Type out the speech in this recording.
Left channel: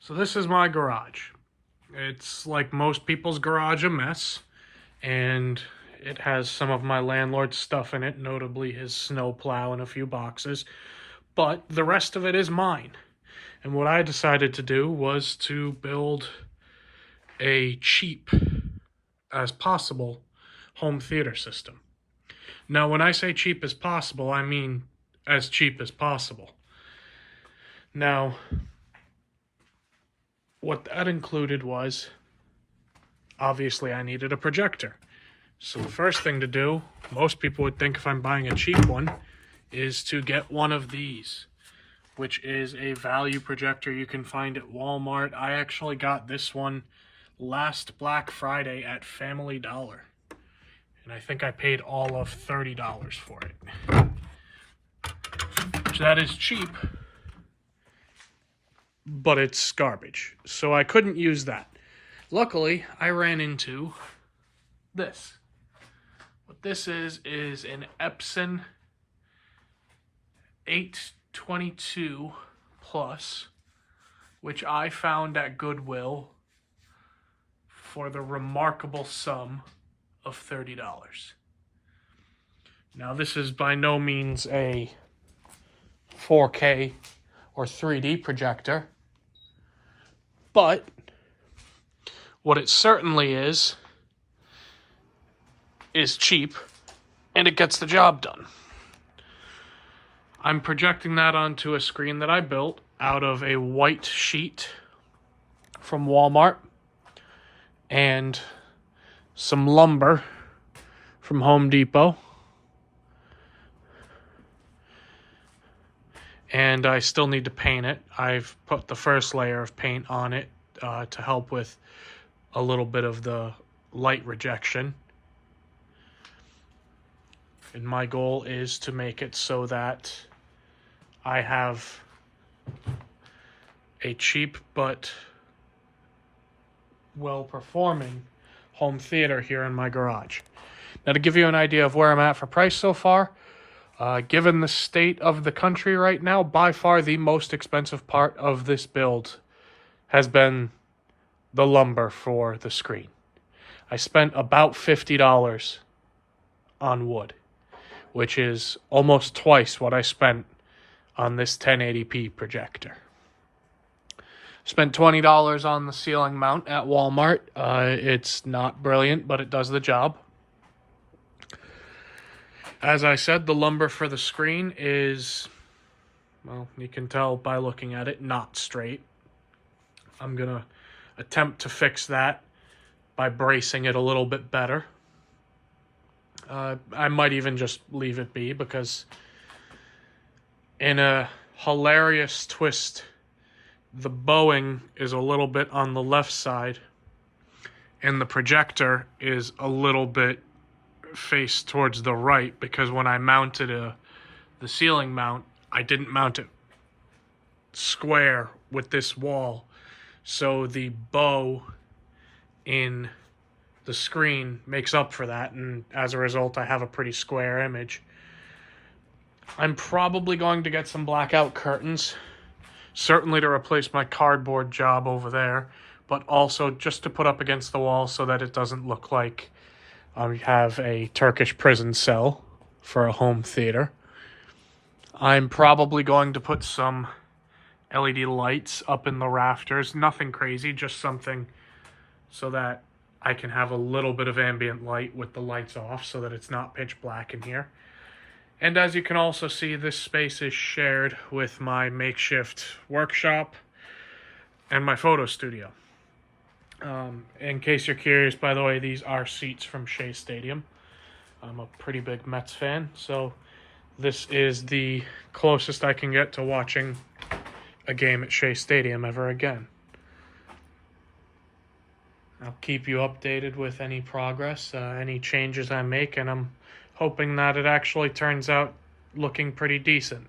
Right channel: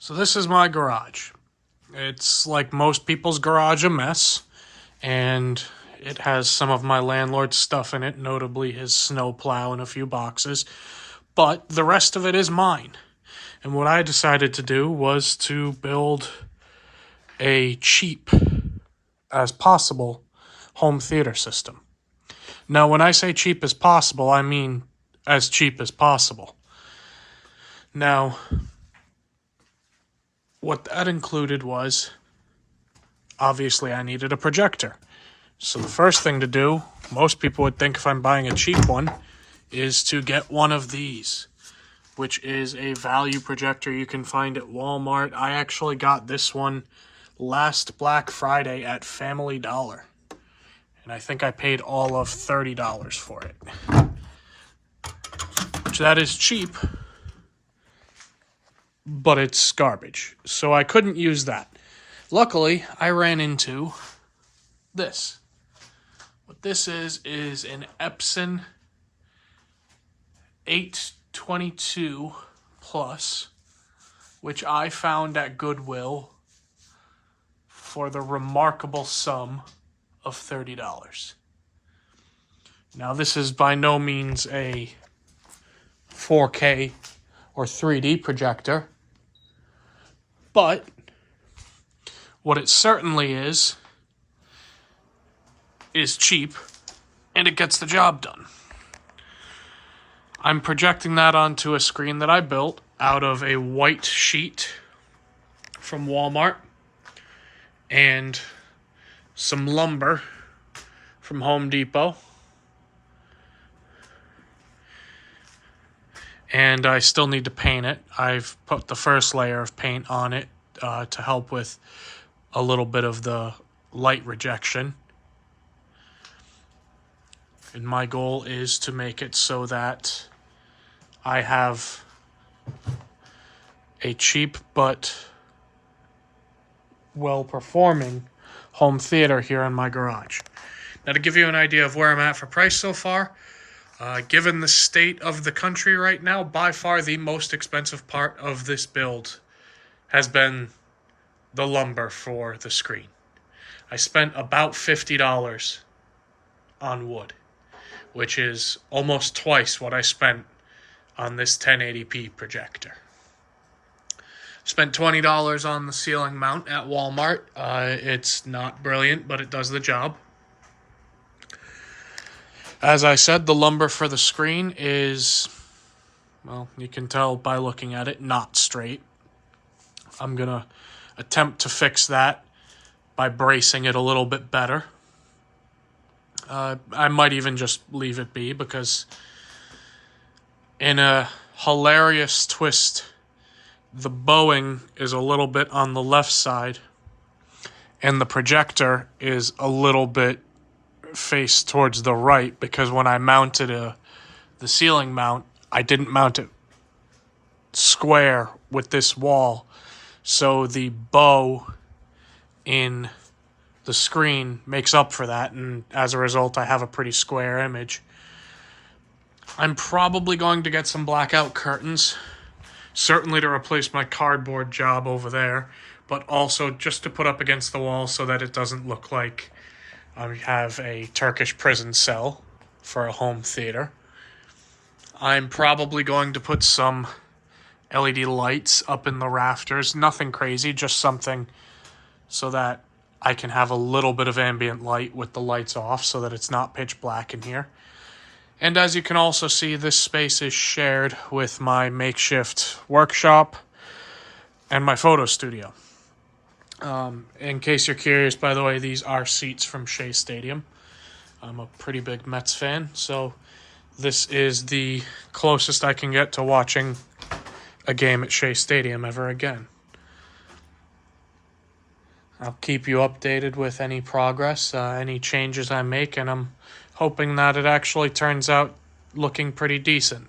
So this is my garage. It's like most people's garage, a mess, and it has some of my landlord's stuff in it, notably his snowplow and a few boxes, but the rest of it is mine. And what I decided to do was to build a cheap as possible home theater system. Now, when I say cheap as possible, I mean as cheap as possible. Now, what that included was, obviously, I needed a projector. So the first thing to do, most people would think if I'm buying a cheap one, is to get one of these, which is a value projector you can find at Walmart. I actually got this one last Black Friday at Family Dollar, and I think I paid all of $30 for it. Which that is cheap, but it's garbage. So I couldn't use that. Luckily, I ran into this. What this is an Epson 822 Plus, which I found at Goodwill for the remarkable sum of $30. Now, this is by no means a 4K or 3D projector, but what it certainly is cheap, and it gets the job done. I'm projecting that onto a screen that I built out of a white sheet from Walmart and some lumber from Home Depot. And I still need to paint it. I've put the first layer of paint on it to help with a little bit of the light rejection. And my goal is to make it so that I have a cheap but well-performing home theater here in my garage. Now, to give you an idea of where I'm at for price so far, given the state of the country right now, by far the most expensive part of this build has been the lumber for the screen. I spent about $50 on wood, which is almost twice what I spent on this 1080p projector. Spent $20 on the ceiling mount at Walmart. It's not brilliant, but it does the job. As I said, the lumber for the screen is, well, you can tell by looking at it, not straight. I'm going to attempt to fix that by bracing it a little bit better. I might even just leave it be because in a hilarious twist, the bowing is a little bit on the left side and the projector is a little bit face towards the right because when I mounted the ceiling mount, I didn't mount it square with this wall. So the bow in the screen makes up for that, and as a result, I have a pretty square image. I'm probably going to get some blackout curtains, certainly to replace my cardboard job over there, but also just to put up against the wall so that it doesn't look like I have a Turkish prison cell for a home theater. I'm probably going to put some LED lights up in the rafters. Nothing crazy, just something so that I can have a little bit of ambient light with the lights off so that it's not pitch black in here. And as you can also see, this space is shared with my makeshift workshop and my photo studio. In case you're curious, by the way, these are seats from Shea Stadium. I'm a pretty big Mets fan, so this is the closest I can get to watching a game at Shea Stadium ever again. I'll keep you updated with any progress, any changes I make, and I'm hoping that it actually turns out looking pretty decent.